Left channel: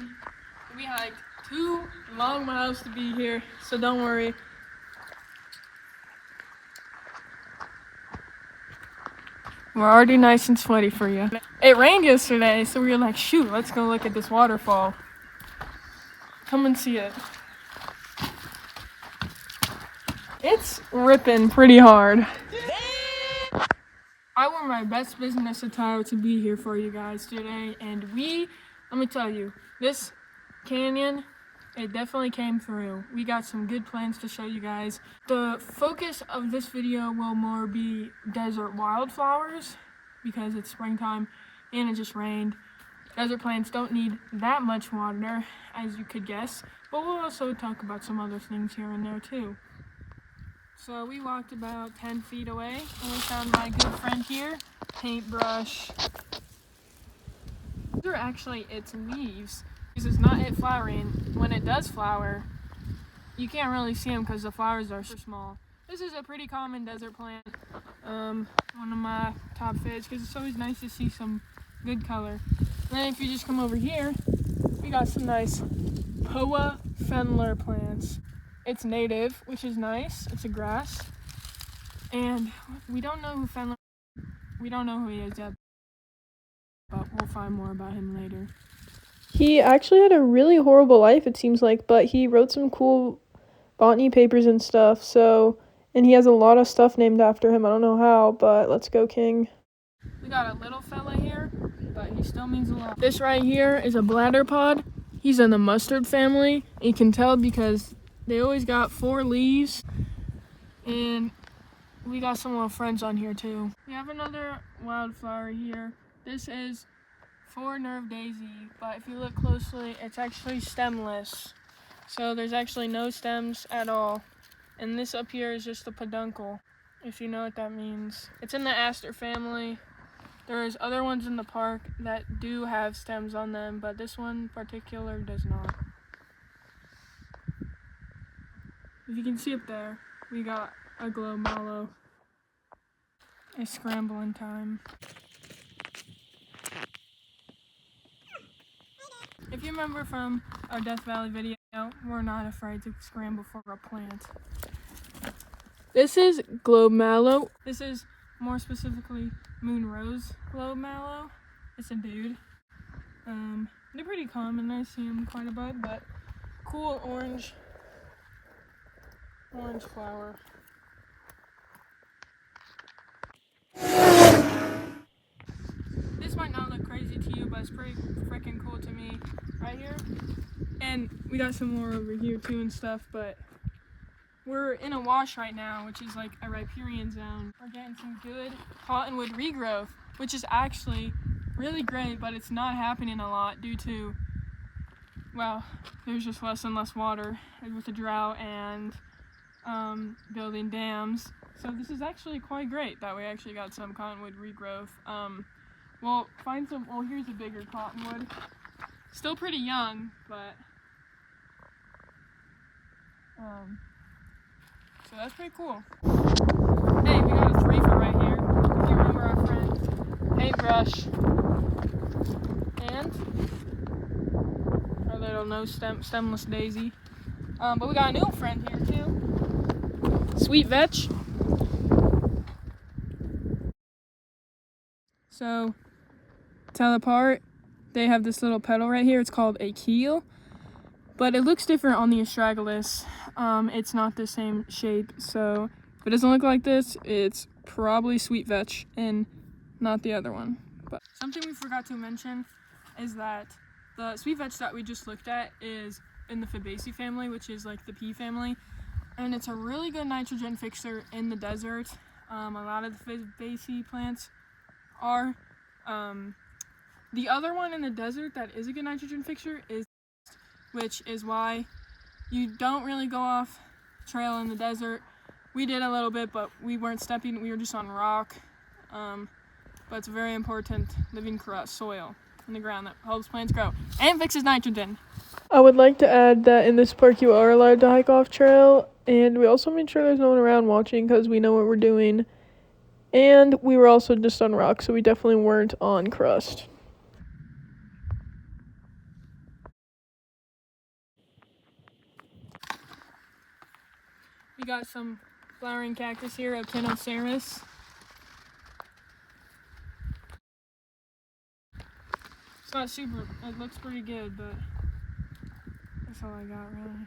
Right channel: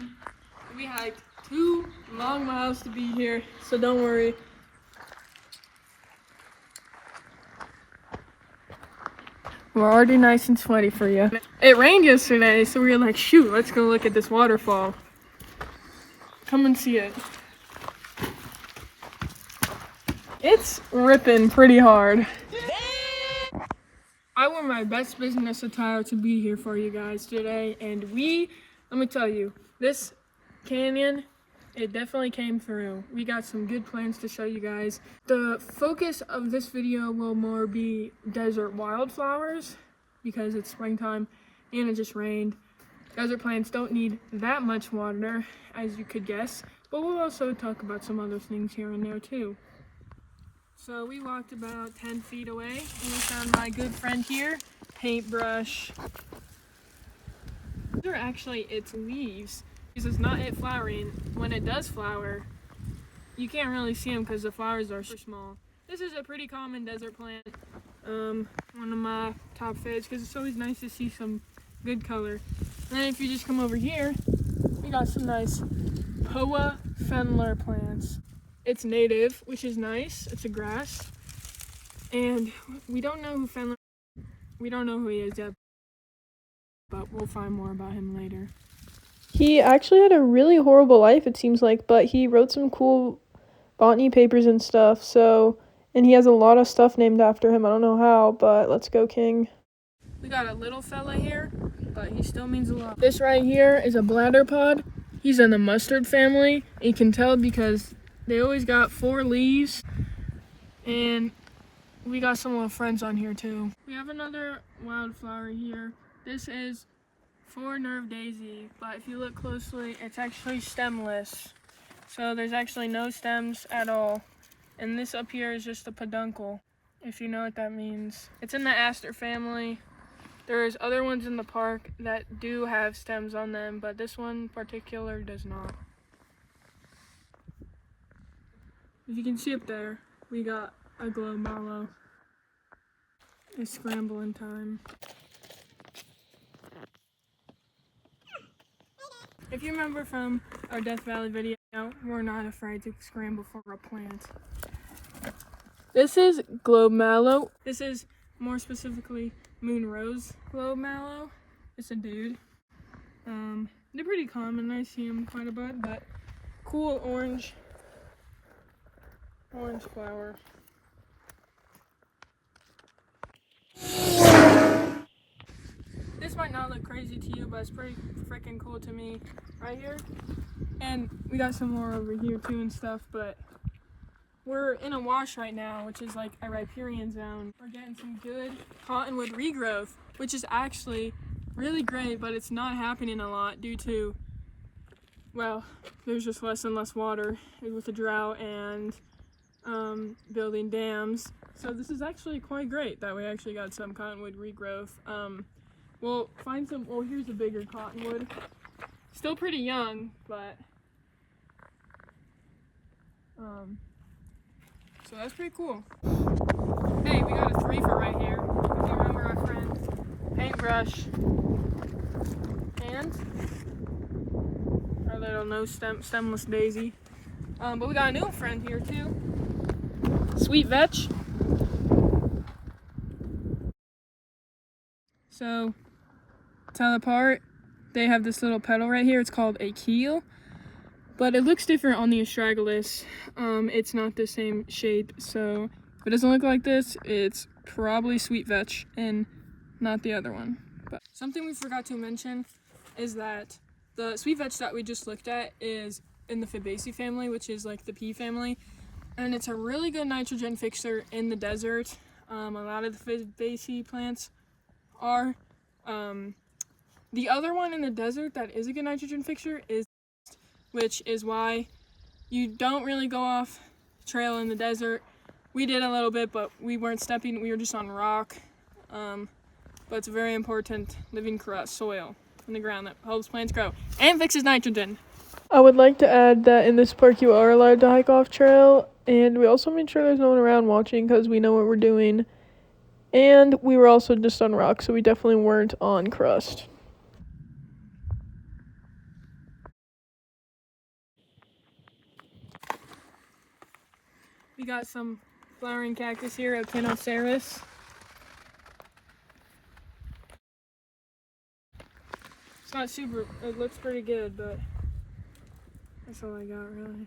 again. We hiked 2 long miles to be here, so don't worry. We're already nice and sweaty for you. It rained yesterday, so we were like, shoot, let's go look at this waterfall. Come and see it. It's ripping pretty hard. I wore my best business attire to be here for you guys today, and let me tell you, this canyon, it definitely came through. We got some good plans to show you guys. The focus of this video will more be desert wildflowers because it's springtime and it just rained. Desert plants don't need that much water, as you could guess, but we'll also talk about some other things here and there too. So we walked about 10 feet away and we found my good friend here, paintbrush. These are actually its leaves. This is not it flowering. When it does flower, you can't really see them because the flowers are so small. This is a pretty common desert plant. One of my top faves because it's always nice to see some good color. And then if you just come over here, we got some nice Poa Fenler plants. It's native, which is nice. It's a grass. And we don't know who he is yet, but we'll find more about him later. He actually had a really horrible life, it seems like, but he wrote some cool botany papers and stuff, and he has a lot of stuff named after him. I don't know how, but let's go, King. We got a little fella here, but he still means a lot. This right here is a bladder pod. He's in the mustard family. You can tell because they always got 4 leaves, and we got some little friends on here too. We have another wildflower here. This is 4-nerve daisy, but if you look closely, it's actually stemless. So there's actually no stems at all. And this up here is just a peduncle, if you know what that means. It's in the aster family. There's other ones in the park that do have stems on them, but this one in particular does not. If you can see up there, we got a glow mallow. It's scrambling time. If you remember from our Death Valley video, we're not afraid to scramble for a plant. This is globe mallow. This is more specifically moon rose globe mallow. It's a dude. They're pretty common. I see them quite a bit, but cool orange flower. This might not look crazy to you, but it's pretty freaking cool to me right here. And we got some more over here too and stuff, but we're in a wash right now, which is like a riparian zone. We're getting some good cottonwood regrowth, which is actually really great, but it's not happening a lot due to, well, there's just less and less water with the drought and building dams. So this is actually quite great that we actually got some cottonwood regrowth. We'll find some, well, here's a bigger cottonwood. Still pretty young, but so that's pretty cool. Hey, we got a threefer right here. If you remember our friend Paintbrush and our little stemless daisy. But we got a new friend here too. Sweet vetch. So, tell apart, they have this little petal right here. It's called a keel, but it looks different on the astragalus. It's not the same shape, so if it doesn't look like this, it's probably sweet vetch and not the other one. But something we forgot to mention is that the sweet vetch that we just looked at is in the Fabaceae family, which is like the pea family, and it's a really good nitrogen fixer in the desert. A lot of the Fabaceae plants are. The other one in the desert that is a good nitrogen fixer is, which is why you don't really go off trail in the desert. We did a little bit, but we weren't stepping, we were just on rock. But it's a very important living soil in the ground that helps plants grow and fixes nitrogen. I would like to add that in this park you are allowed to hike off trail, and we also made sure there's no one around watching because we know what we're doing. And we were also just on rock, so we definitely weren't on crust. We got some flowering cactus here, Echinocereus. It's not super, it looks pretty good, but that's all I got really.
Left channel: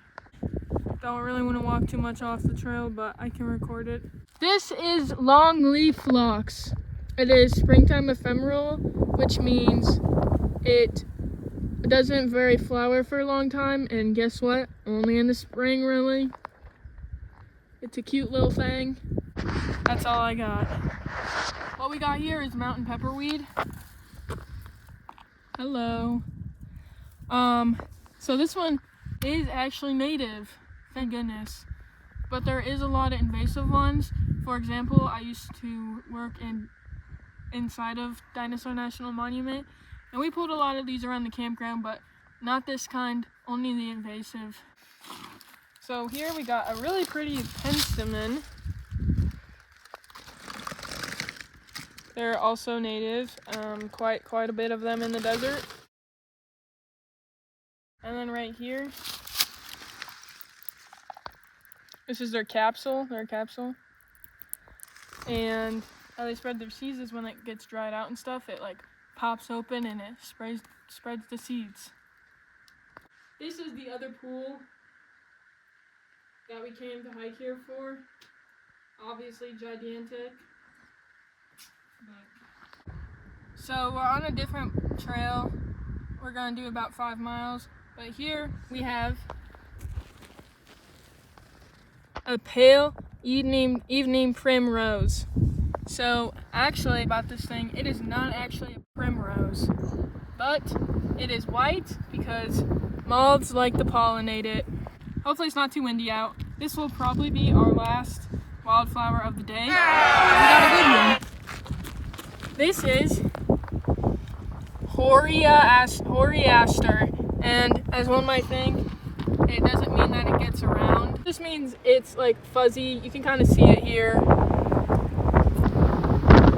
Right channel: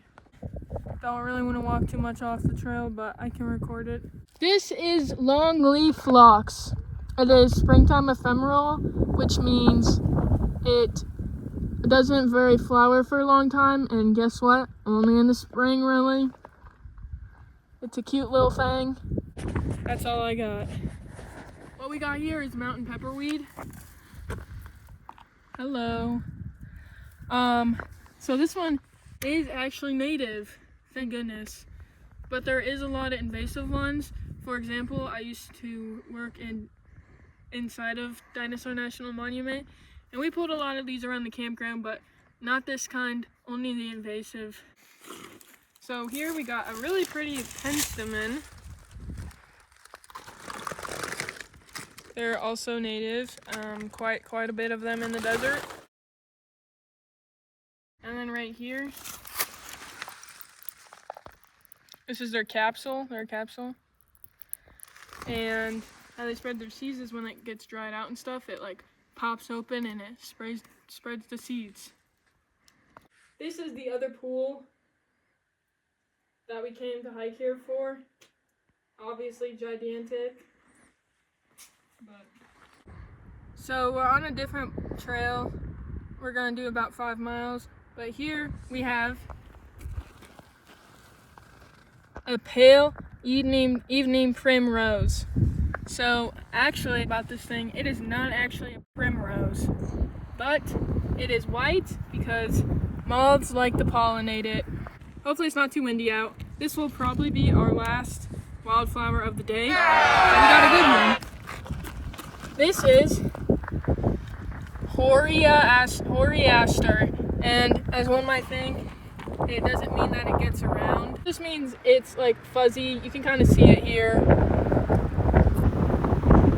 Don't really want to walk too much off the trail, but I can record it. This is longleaf phlox. It is springtime ephemeral, which means it doesn't very flower for a long time, and guess what? Only in the spring, really. It's a cute little thing. That's all I got. What we got here is mountain pepperweed. Hello. So this one is actually native, thank goodness. But there is a lot of invasive ones. For example, I used to work inside of Dinosaur National Monument, and we pulled a lot of these around the campground, but not this kind, only the invasive. So here we got a really pretty penstemon. They're also native, quite a bit of them in the desert. And then right here, this is their capsule, And how they spread their seeds is when it gets dried out and stuff, it like pops open and it spreads the seeds. This is the other pool that we came to hike here for. Obviously gigantic. So we're on a different trail. We're gonna do about 5 miles, but here we have a pale evening primrose. So actually about this thing, it is not actually a primrose, but it is white because moths like to pollinate it. Hopefully it's not too windy out. This will probably be our last wildflower of the day. We got a good one. This is Hoary aster, and as one might think, it doesn't mean that it gets around. This means it's like fuzzy. You can kind of see it here.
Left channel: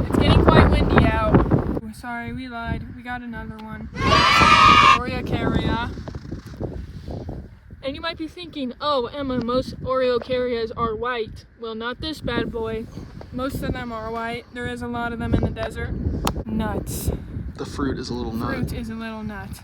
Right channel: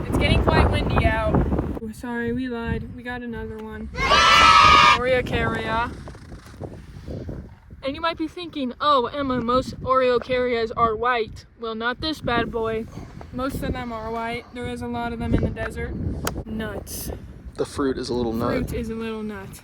It's getting quite windy out. Oh, sorry, we lied. We got another one. Oriocaria. And you might be thinking, oh, Emma, most Oriocarrias are white. Well, not this bad boy. Most of them are white. There is a lot of them in the desert. Nuts. The fruit is a little nut. Fruit is a little nut.